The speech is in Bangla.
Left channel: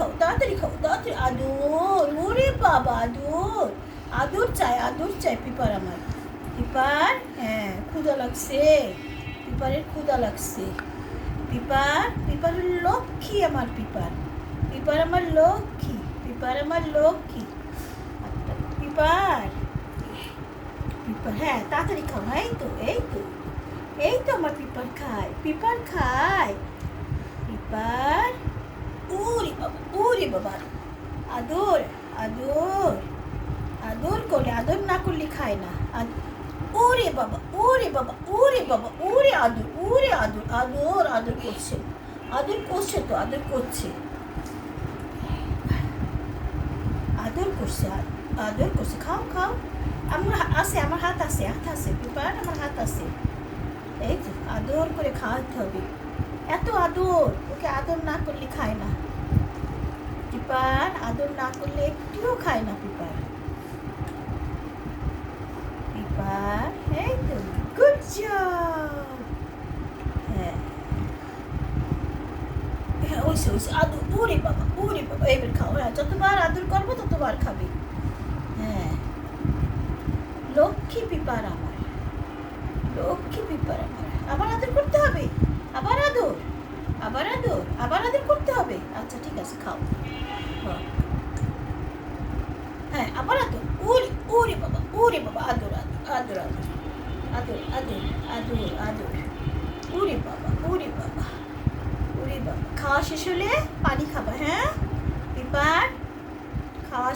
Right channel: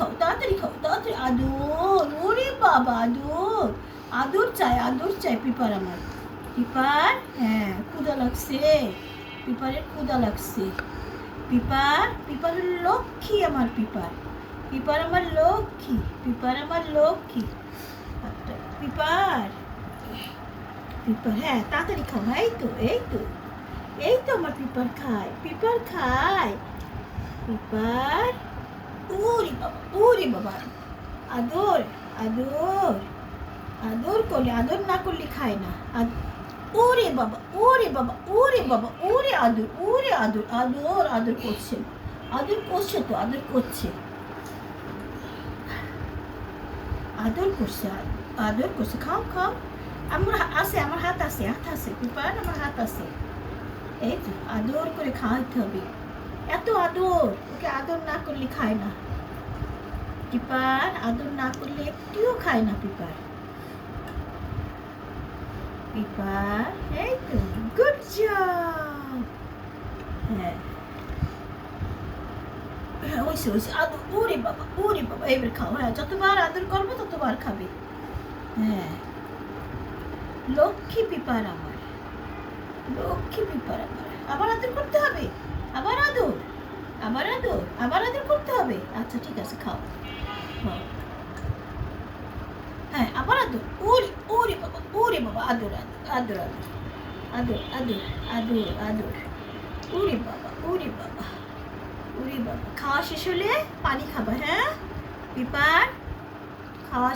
খাও, তাড়াতাড়ি খাও, তাড়াতাড়ি। আদর, ওরে বাবা, আদর, আদর চাই পিপার আমার। পিপার, হ্যাঁ, ক্ষুধা লাগছে, পিপারের ক্ষুধা লাগছে। পিপারের লক্ষ্মী আমার পিপার। পিপার আমার লক্ষ্মী, পিপার আমার লক্ষ্মী। পিপার, পিপার, হ্যাঁ, তাড়াতাড়ি খাও। এই তো আমার পিপার খায়, পিপার। ওরে বাবা, আদর, আদর, আদর করলে, আদর না করলে খায় না। ওরে বাবা, ওরে আদর, আদর করছে, আদর করছে। খাও। আমার হাত আছে পিপার, আমার হাত আছে। এই তো আদর করে খাওয়াতে হবে। এত আদর, ওকে আদর না করলে খায় না। পিপার আদর না করলে একটুও খায় না পিপার। এই তো, গুড জব। হ্যাঁ, হয়েছে আদর। ওরে বাবা, এবার খাও। হ্যাঁ, যতবার আদর করবো ততবার খাবে। হ্যাঁ, লক্ষ্মী পিপার আমার, আবার আদর করতে হবে, আবার আদর করতে হবে। আচ্ছা, ঠিক আছে, খাও। হ্যাঁ, আবার আদর। ওরে বাবা, আদর। ওরে বাবা, খাওয়া শেষ হলে পানি খাবা। হ্যাঁ পিপার, খাওয়া